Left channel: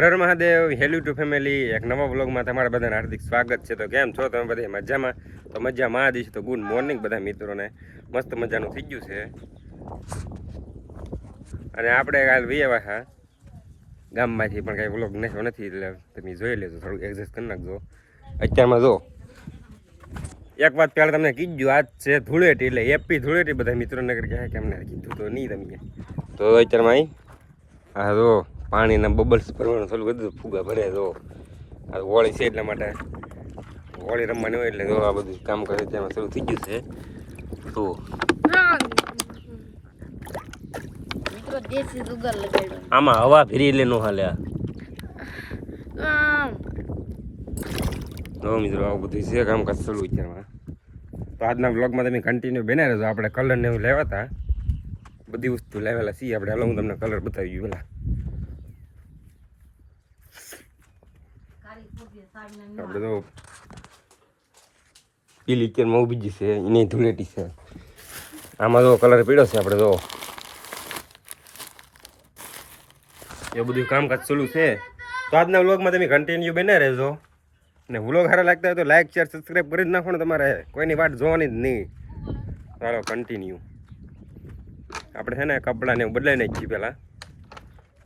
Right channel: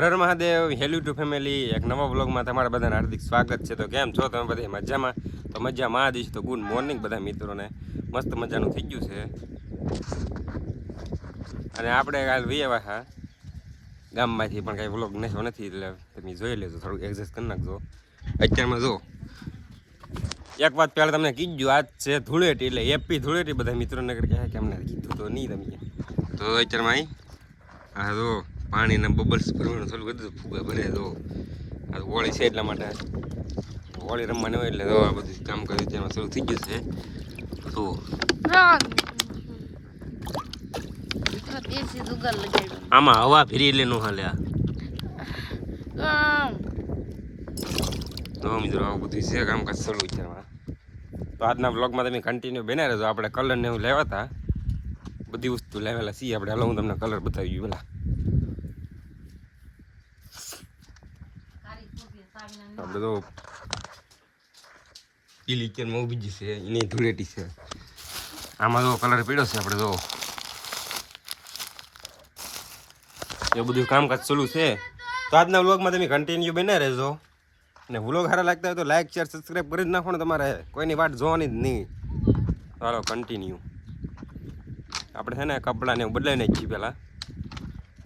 હર Mahadev, hello two family. એક નવા વ્લોગમાં તમારા બધાને હાર્દિક સ્વાગત છે. તો કેમ છો તમે બધા? મજામાં? તો મજામાં આ દિવસ તો ગુડ મોર્નિંગ બધા મિત્રોને. મસ્ત મજાનું થઈ ગયું છે. અને આપણે કાલ વિયેવા હા ગામમાંથી, પણ કાંઈ વ્લોગ નખ્યો નથી, એટલે તમે જોઈ લેજો, થોડુંક એડજસ્ટ કરી નાખજો. અત્યારમાં જો એક વાત પહેલાં તમને કીધું, આજ છે ધૂળેટી, એટલે હેપી ધૂળેટી બધા મિત્રોને કહે કે અમને કીધું તો નહીં તમે. તો અત્યારમાં અહીં હા જો પાણીના બબલ્સ ભરવાનું થોડું બધું ફુગા ભરે જો. આ હોળી છે એટલા માટે હોળી રમવાની હોય એટલે આ બધું કામ કરે ત્યાં શરૂ થઈ ગયું છે. તો આમાં હવા ફેરી એટલે નો હાલે. તો મિત્રો આવું બધું છે કામકાજ શરૂ છે. તો આજના બ્લોગમાં તમે કન્ટિન્યુ બના રહેજો. આપણે કલર ને એવું લેવા હતા, બધી વસ્તુ લાવેલા છીએ આપણે. હાલો હું તમને કલર બતાવી ગયું પેલા. આપણે તો પીલી કેરમાં ઉભી છે, એની ધૂળેટી છે. આમાં તો કલર પીળો છે. આપણે તો એ બધું કામકાજ ચાલુ છે. તો આજના વ્લોગમાં તમે કન્ટિન્યુ બના રહેજો. અને વ્લોગ સારા લાગતા હોય તો લાઈક શેર સબસ્ક્રાઈબ કરી જ નાખો ને. તમારે કોઈની વાત જોવાની જ નહીં. ચાલો કન્ટિન્યુ. આપણે છે ને કપડાને બદલાઈ નાખીએ પહેલાં.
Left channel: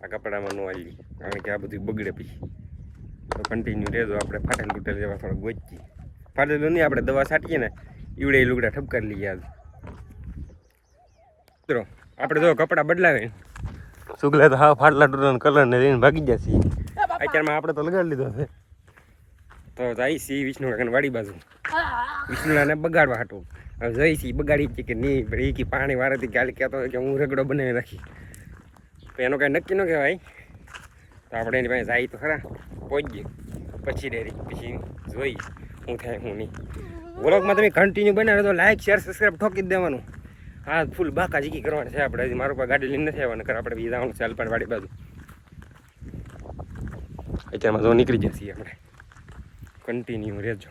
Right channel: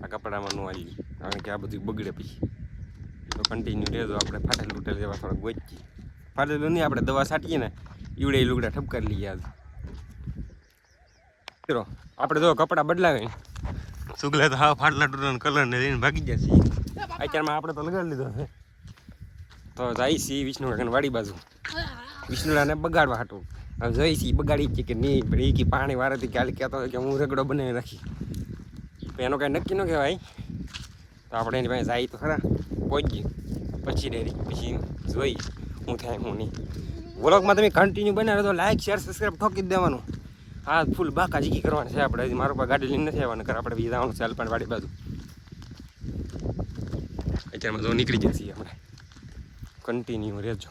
આ કપડામાં ન આવી, કારણ કે આ બધું બગડે પછી. તો કન્ટિન્યુ રહેજો. આપણે ફાટેલ તૂટેલ જેવા થોડાક ગોચીએ. ફાટેલું નહીં, આપણે દવા છાંટીએ ને ઈવડે લુગડા ઠપકારી લઈએ. આજ મિત્રો આપણે જો કપડાં બદલાવે સુગલે તો હા ફાટલા તૂટેલા કલર ને લઈને ભાગી જશે. અત્યારમાં આપણે તો લગાડી લીધો છે. તો જાય છે વિષ્ણુ કાકાને વાડી બાજુ, વિષ્ણુલાને બગાડવા હાટું. હવે જઈ છે બગાડી છે કે નહીં, પણ એ કે પાણી વાળાથી કાલે કહેતો હોય કે હું રગડો બનાવી રાખી. તો એનો કાંઈ નક્કી ન કહેવાય. તો આપણે એની પાસે જાય તો ખરા, પહોંચીએ પછી ડેરી પછી જોઈ હું થાય હું નહીં. વ્લોગમાં તમે કન્ટિન્યુ બનાવે તો લાઈક શેર સબસ્ક્રાઈબ ઠોકી જ દેવાનું. હા ફૂલ બાકા જીકી કરવાની છે આપણે. હજી મારું પાસે ગાડી લઈને નથી આવવાનું, કર આપણે બીજા જવાનું છે અલ્પાણ વાડી બાજુ. અત્યારમાં જો નીકળી જશે આપણે. કન્ટિન્યુ રહેજો.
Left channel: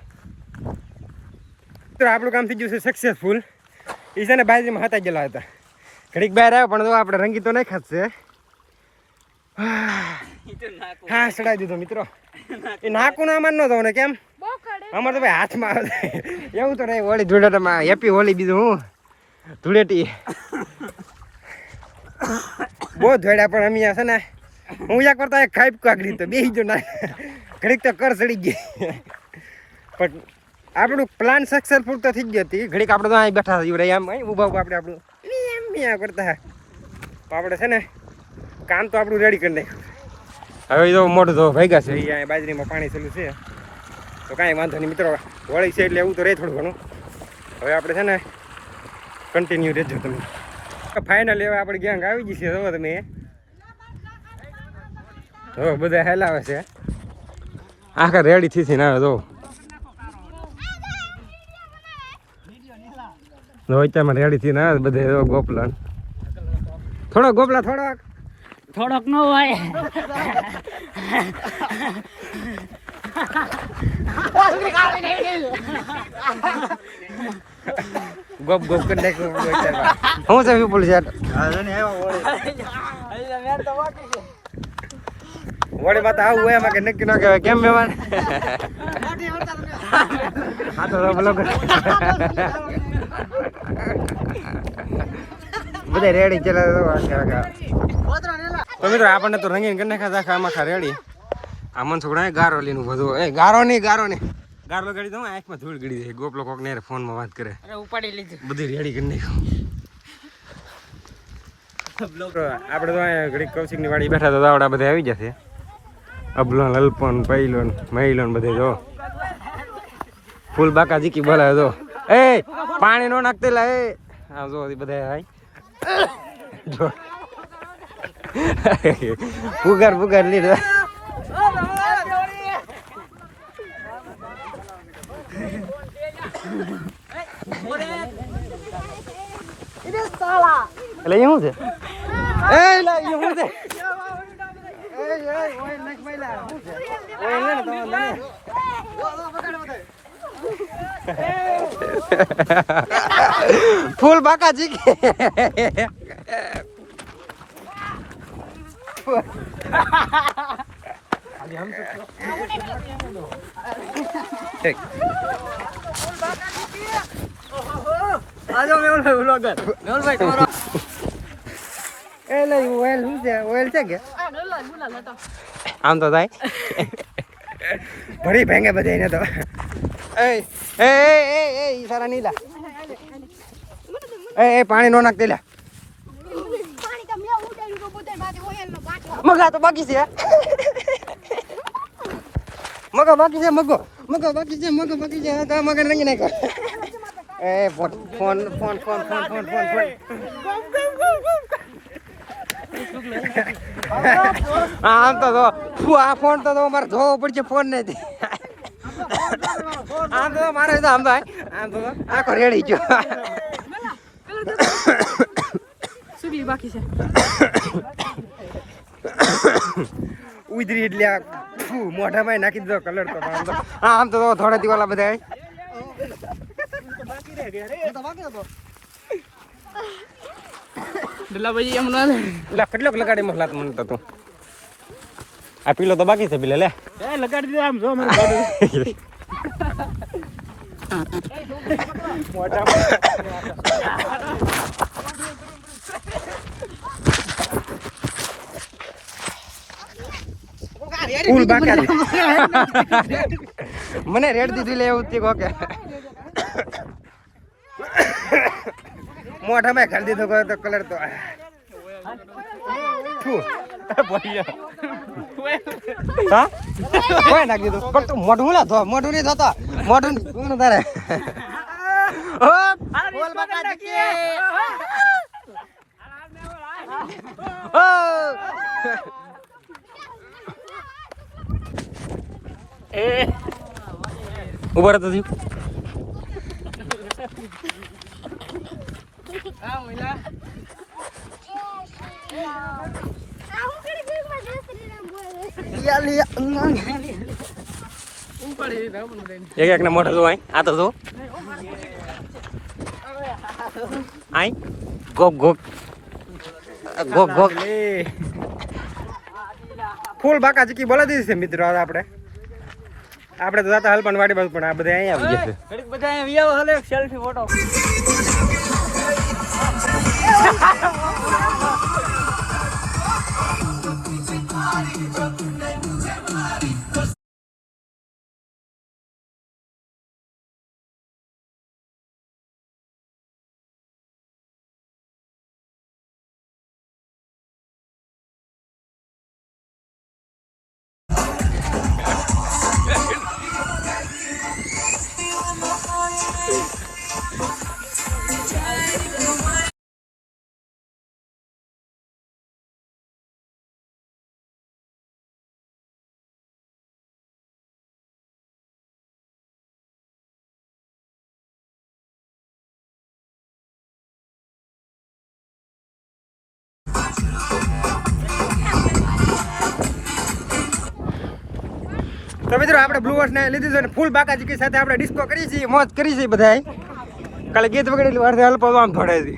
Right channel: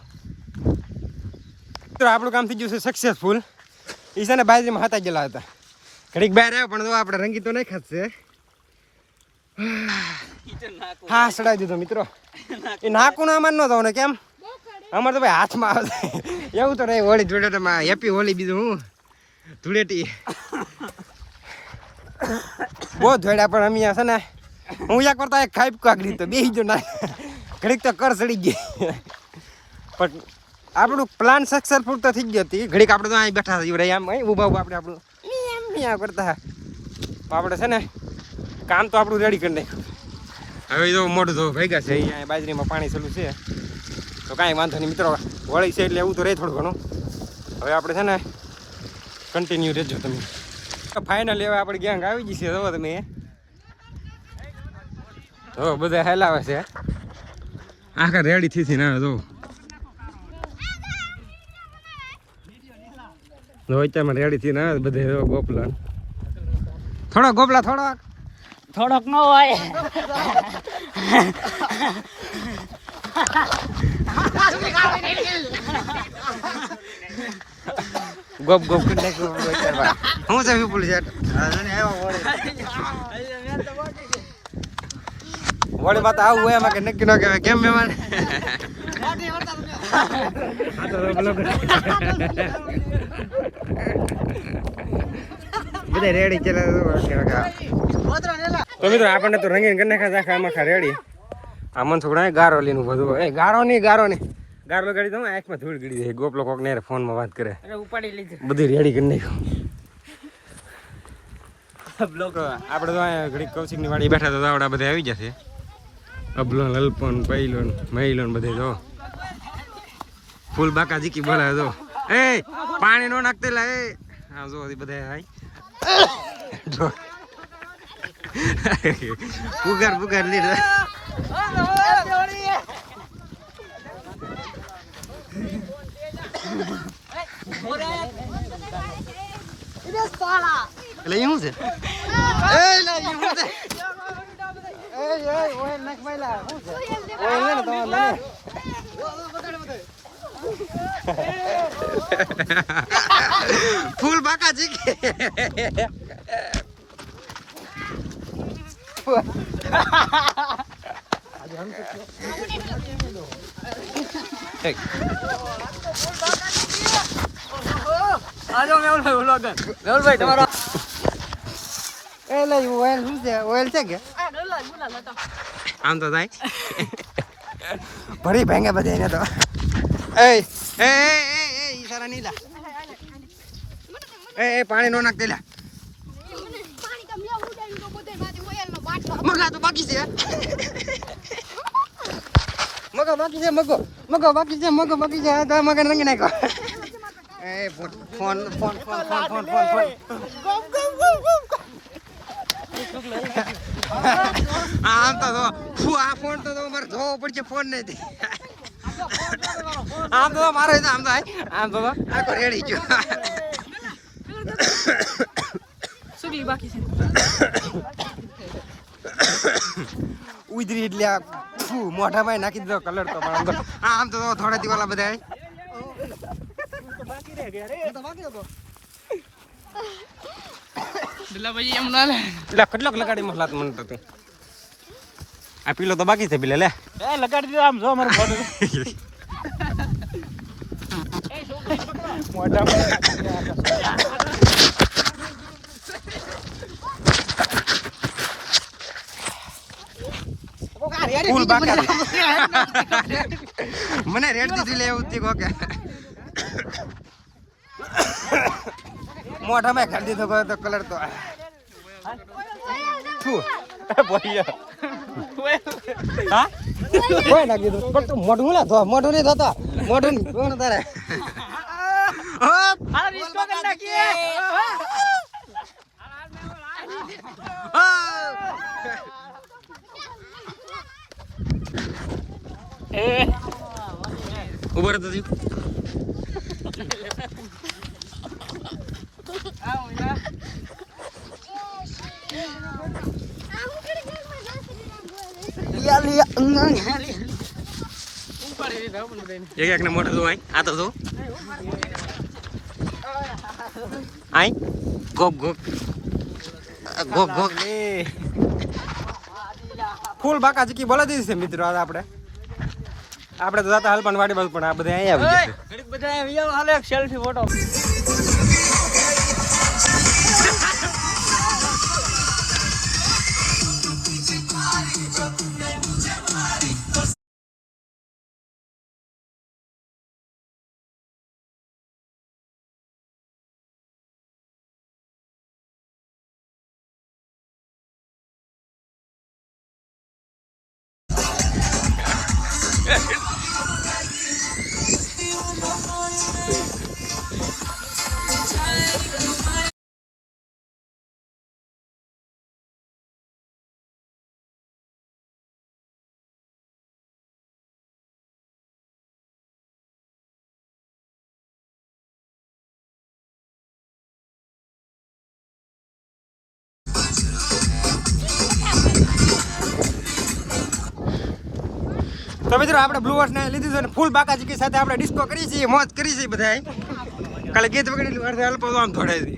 તો આપણું કામ થઈ ગયું છે સક્સેસફુલ. એ છે ને બાજરીમાં હતા ગયેલા હતા, ઘડીક બહાર આવ્યા, પણ તો આપણે રંગી તો નહીં ખાશે. હા ચડાવી દીધો મિત્રો. એ નાકું ના માન ન થવું ને કેમ અમારે તો ભાઈ હાથમાં આવે એવું તો નહીં. હોળી ધૂળેટીમાં હેપી હોળી. બીજું હું ધૂળેટી બહુ ધોડ્યા, પણ અમે છે ને હું એક કરતા એક ખાઈ કાગડી તો બે જો ના ઘડીક તો કર ચડી ગઈ. પણ આપણું પ્લાન સક્સેસફુલ તો થઈ ગઈ હતી. ઘડીક આપણે તો અહીં બેઠા હતા આમ ઊભા ઊભા આપણે આપણું કરતા. આપણે છે ને કામ તો આપણું રેડી કરી નાખ્યું. હવે તો મોઢું તો ભેગા છે. અહીંયા બાજરીમાં પાણી ચાલુ છે તો કાંઈ વાંધો નહીં મિત્રો. વળી છે એટલે એવું તો રહે થોડું ઘણું. હવે આપણે છે ને કન્ટિન્યુ રહેજો તમે. ફાઇનલ હવે આપણે ગેંગ આવી જશે. જો તમે હો બધા હેલાવે છે આખા રેડી થી ને. આવે તો અત્યારમાં રેડી થી ના બધે ગોપલા થોડોક થોડોક ન હોય. ગોપ કરી નાખ્યું. હું છે વિપુલ છે વળી વાત આવું હોય એમાં કે નક્કી ન કહેવાય. કેમ મહેમાન હા તો બ્લોગ બધા રેડી ચલા. તો મિત્રો આપણને તો રંગીન કરી નાખ્યા આખા આમાં રેડી. આ મન છોકરા ગારો લઈને બધું એ ગારો નહીં ગારો લગાડી દઉં. આંખમાં ધૂળ ગળી દે. ગોપલો કોક ને ફોનમાં વાત કરે. બધી રેડી કરી નાખ્યું. આપણે તો અહીંયા ઘડી કૌશિકની વાડી બેઠા તો આવડા બધા આવી જશે. અબલો લલપન પહેલોન મહિલોન બધે જો ફૂલ બાકા જીકી બોલાવે જો. એ પાણી નો નાખતેલા એ હા જો બધા હાઈ જો પુગાર લીધો. એટલે શું છે ફૂલ બાકા જીકી ઠીક. આજો મેહુલભાઈ વ્લોગર. મેહુલભાઈ તમારા એ લઈ ઓઇલ શું છે ઓઇલ છે કે આમ તો થાય ભરી ભેંગે બધે એને તો એ એ એ એ ઈશારા નીલા એ પાણી નો નાખ દેલા મગા તો બાકી છે મગો બાકી છે મગો મગો બાકી છે મગો બાકી છે હા તો મગન રંગી નાખો એ phone phone phone phone phone phone phone phone આમ તો આ ફોન તો મારે ધોવો પડશે ફોન નથી આમ તો મારે આમ તો આમ તો આખો રેડી ગયો સુગલી બાકી છે. ઉધરી એટલે મોઢામાં નાખી દીધો કલર તો આમ તો થોડા દિવસ બધા દલાભાઈ એમ ના લે. એટલે કેટલોક લગાડી મસલાત મને તો તું આ પીલો તો બાકી છે પીલે લે લગાડી દીધા આમ જો મારું ગાડું. ફૂલ બાકા મને રેડ દીધી લે એવું તીકો કે મોઢામાં ખાલી દીધો તો કલર તો હા કોઈ નાખી દીધું પણ તું મોઢું લા ધો મોઢું નહીં ધોતા મોઢું કોણ તારે ઓ બોલ બાકા દીકે ઓ ઉભા રહેતો થયું એક એક ને મોઢા જો આ તો જો આઈ ગોક ગોક ગોક ગોક ફૂલ બાકા ચીકી બોલા દીધી છે મિત્રો આજે આપણે તો જાતા હાલ પણ વાડી બાજુ પણ આ બધા અહીંયા આવી જશે ઘડીક બધા અહીંયા વિયાવો હાલે એક સેલ્ફી ફોટો. તો મિત્રો આપણે બ્લુ વોર્સ ને લીધું છે અને ફૂલ બાકા ચીકી સાથે આપણે ડિસ્કો કરી છે મોજ કરી છે બધાય કાલે ગીત વગેરે વાર હલપો આમ થોડે છે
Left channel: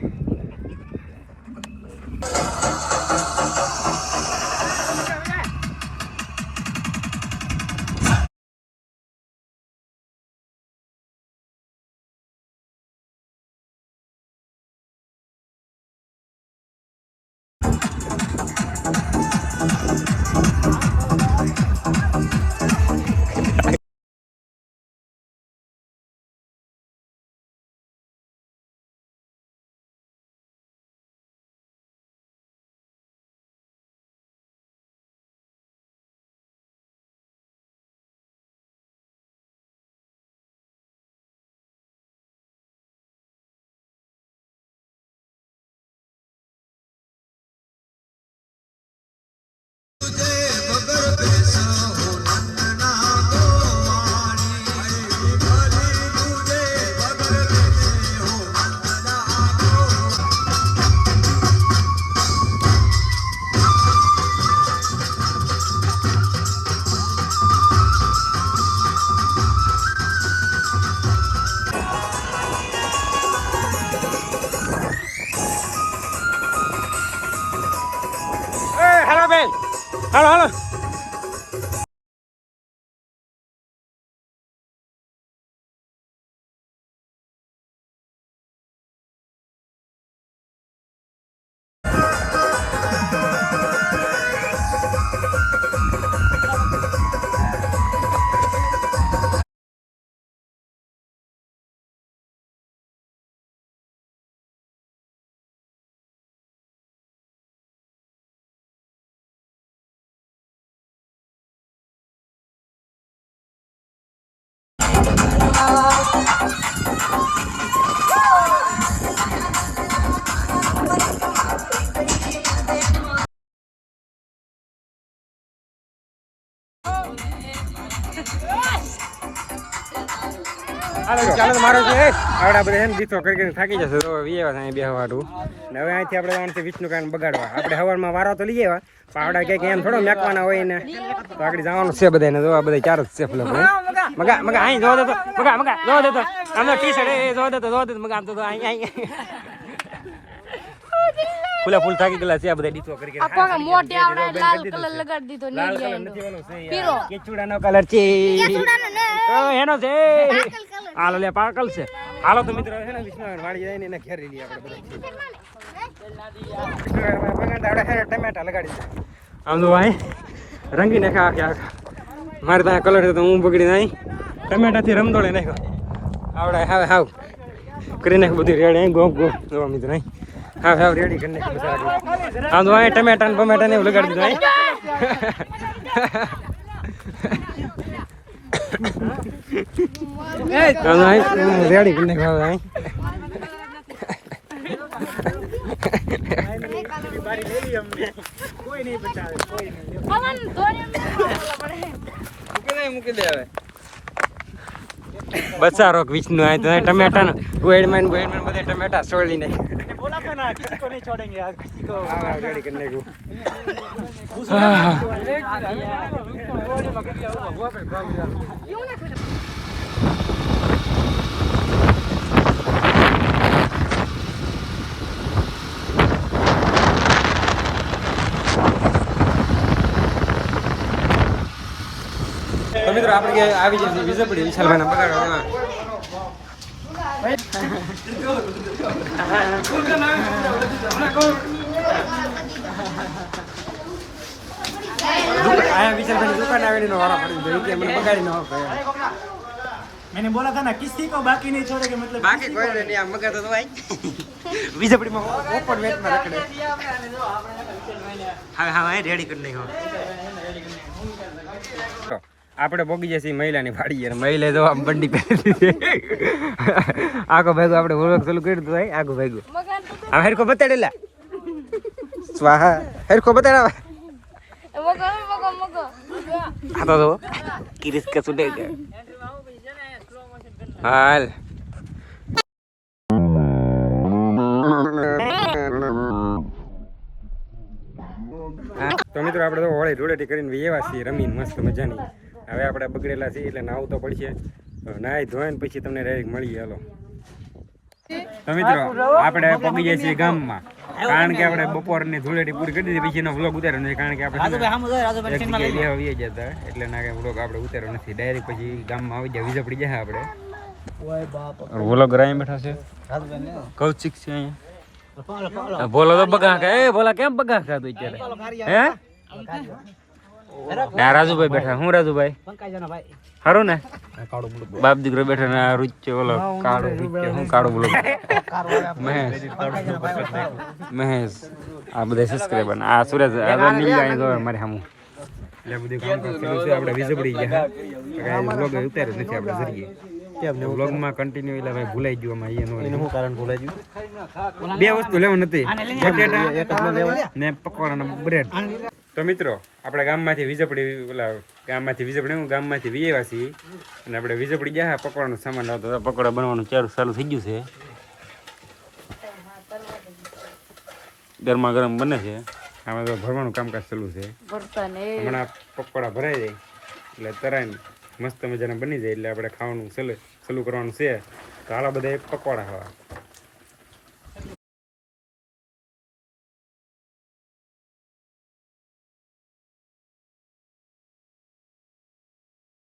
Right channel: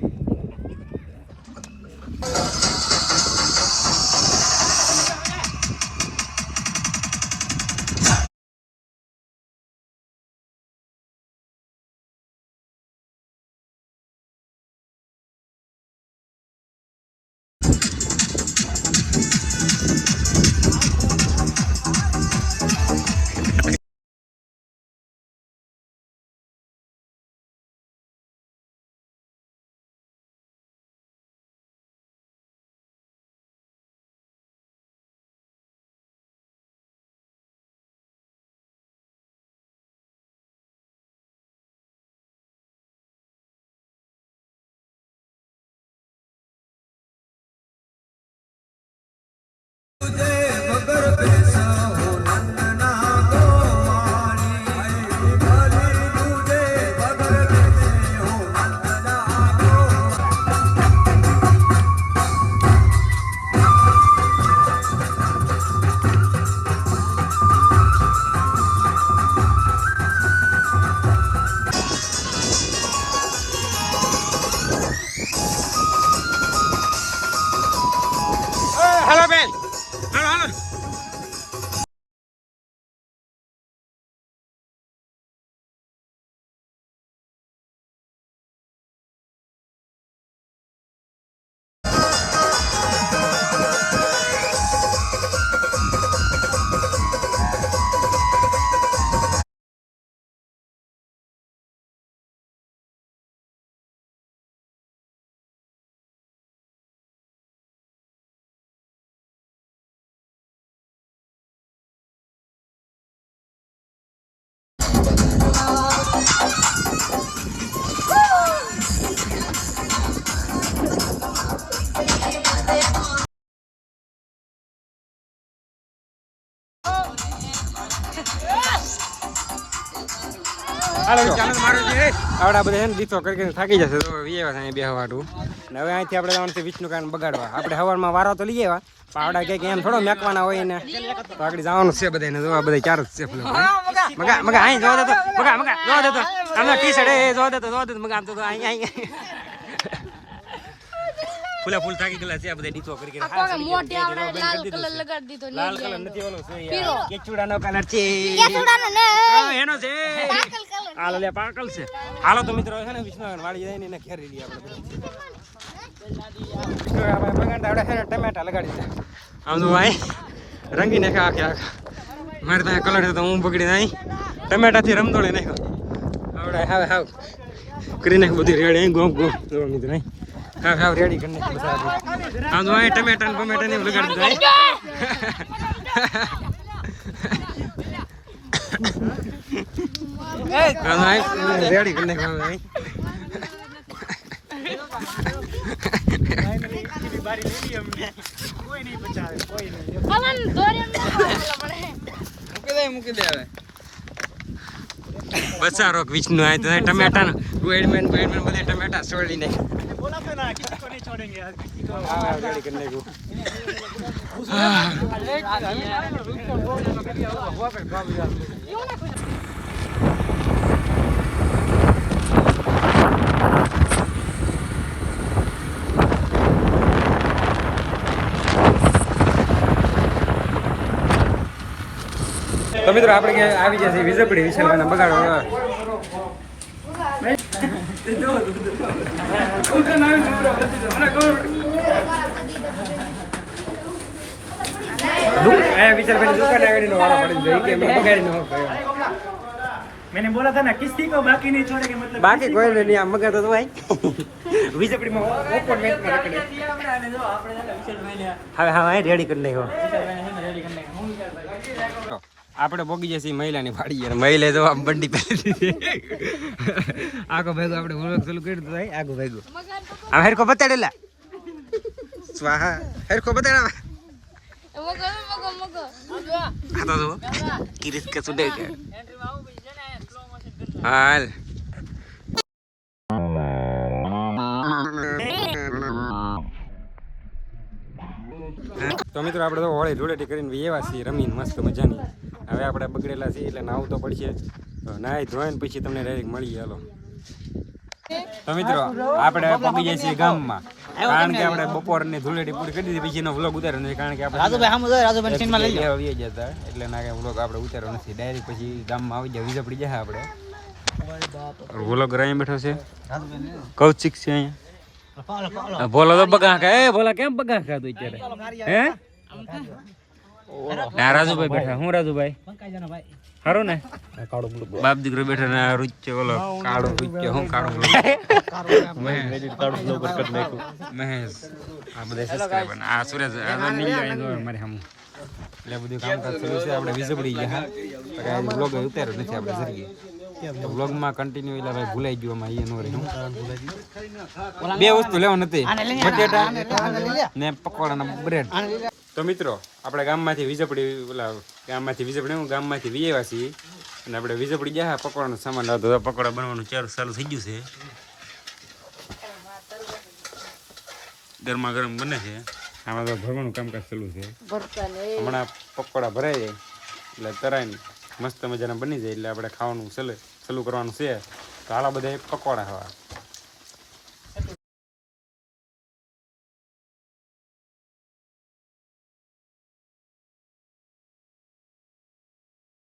હાલો બેન હાલો હાલો ચાલો તો મારો છે આવડા બધા એમ ગીતો કરી થાકી જશે તો વિયેવા અહીંયા બે હવાટું ને હવે અહીંથી આપણે જવાનું છે વિષ્ણુ કાન બગાડવા આપણે હવારમાં વારો તો લઈ આવ્યા પણ આવડા કંઈક એમ થોડો મેકવાના હોય ને તો આગળ જવાનું છે બધાને જોવા બધા ચાર જ છે લોકો મગા મગા અહીં જોવા દેતો મગા મગા જોવા દેતો આમ ટી શર્ટ એ જોવા દેતો મગા આમ તો અહીં અહીં ફૂલા ફૂલ થાકી ગયેલા છે આ બધા ડીચો કરી લાલ કલર નથી ઓલો છે કેચુડાનો કલર છે એનો છે હાલો લે પાકલ છે હાલો તો મિત્રો છે ને વિષ્ણુ વાળી જાય ને એને ઘેરી લઈએ આપણે બધા ટમેટા લગાડી દે આમ તો ભાઈ રંગી નાખા આખે આખા મારે ત્યાં કલર તો હું બગડી નાઈ ટમેટાથી રમદોડે નાખ્યો આવડે હવે હાવ કરી નાખ બધી રેડી ગોમ ગોમ જોવા મિત્રો હા હા રેડી કરી નાખ આમ તો અહીં ટમેટા ને બમેટા ને એવું લગાડી દીધું રેડી કરી નાખ બચારો વિષ્ણુ આ તો ટમેટા ને ગોળમાં બધા ટમેટા છોડી નાખ રેડી કરી નાખ્યું તો મિત્રો આપણે આવી ગયા છીએ વિજયપુરી વિશાલભાઈના બગાડવા आया विशालભાઈની દુકાન આવીને વાળો પડી ગયો કે મને બગાડી ન હોય मैंने बोला था ना किसी को बाकी नहीं छोड़े के मतलब બાકી કોઈ નહીં આ મગા તો ભાઈ વિજયપુરીમાં ઓપન મેચમાં રખડે હા હા રેડી કરી નાખ્યો આપણે પોગી જશે મહિલાની વાડી મહિલા તો આમ બંડી પહેરી આખો ભાગો આપણે વ્લોગ ચાલુ કરી દીધું ભાઈ આગો ભાગો આ હેરકો બતાડેલા સ્વાહા હેરકો બતાડા આ તો કિરિસ કે સુડે કે હાલ તો મિત્રો આપણે તો હોળી ધૂળેટી કરીને એવા છીએ રમીને મસ્ત મજાની હવે આપણે બગડેલા છીએ એટલે નાવું તો પડશે નાહી ધોઈને પછી તમને ડાયરેક્ટ મળીએ હાલો તો મિત્રો આપણે પગી જાય છીએ ગામમાં કારણ કે આપણે બપોરની ધૂળેટી પૂરી કરી દીધી પછીનો વ્લોગ ઉતાર્યો નથી કારણ કે આપણે જતા એટલે ના કઈ વ્લોગ આપણે ઉતાર્યો નથી ડાયરેક્ટ પછી ગામમાં આવી જાય વીજળી જાય આપણે વ્લોગ રાઈ બેઠો છે કૌશિક છે અહીંયા બોલો તો બગા ખા એ બોલા કેમ બગા ખા તું અત્યારે હે ના રાજુભાઈ બેઠા હું રાજુભાઈ ખરું ને બાપ દીકરો બેઠા ને આ રૂચે ઓલો કાળો રૂચે હું કાળો બોલો મહેશ આ બધા સબસ્ક્રાઈબર આ સુરેશ આ નીલ અહીં જો મારે સામું એટલે બધું કામ કરતું છે આપણે વીજળી ગયા વ્લોગ ઉતાર્યો નથી આપણે જરીએ વ્લોગમાં કન્ટિન્યુ એટલે ભાઈ ભૂલાઈ ગયું આમાં એનું શું કારણ ભૂલાઈ ગયું બે વસ્તુ લેવા નથી ને પકોડા ને બ્રેડ તો મિત્રો આપણે ગામમાંથી વીજળી ઓલા ગામમાંથી વીજેવા છીએ અને આપણે વીજળી ગયા પકોડાનો સામાન હતો તો પકોડા બનવાનું ચાલુ થઈ ગયું છે ગરમા ગરમ બને છે આમાં તો ભરવાનું કામકાજ ચાલુ છે હમણાં પકોડા ભરાઈ જાય એટલે તરાઈને મસ્ત મજાના બની જાય એટલે આપણે ખાવાનું ચાલુ કરવાનું છે તો હાલા બધા પકોડા ખાવા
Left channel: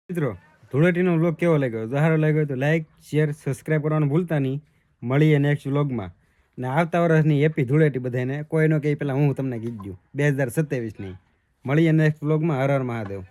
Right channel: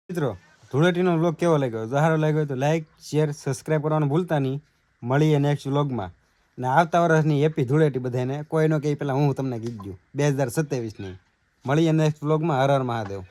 મિત્રો ધૂળેટીનો વ્લોગ કેવો લાગ્યો સારો લાગ્યો તો લાઈક શેર સબસ્ક્રાઈબ કરવાનું ભૂલતા નહીં મળીએ નેક્સ્ટ વ્લોગમાં ને આવતા વર્ષની હેપી ધૂળેટી બધાને કોઈનો કંઈ પહેલાં હું તમને કીધું 2027ની મળીએ નેક્સ્ટ વ્લોગમાં હર હર મહાદેવ.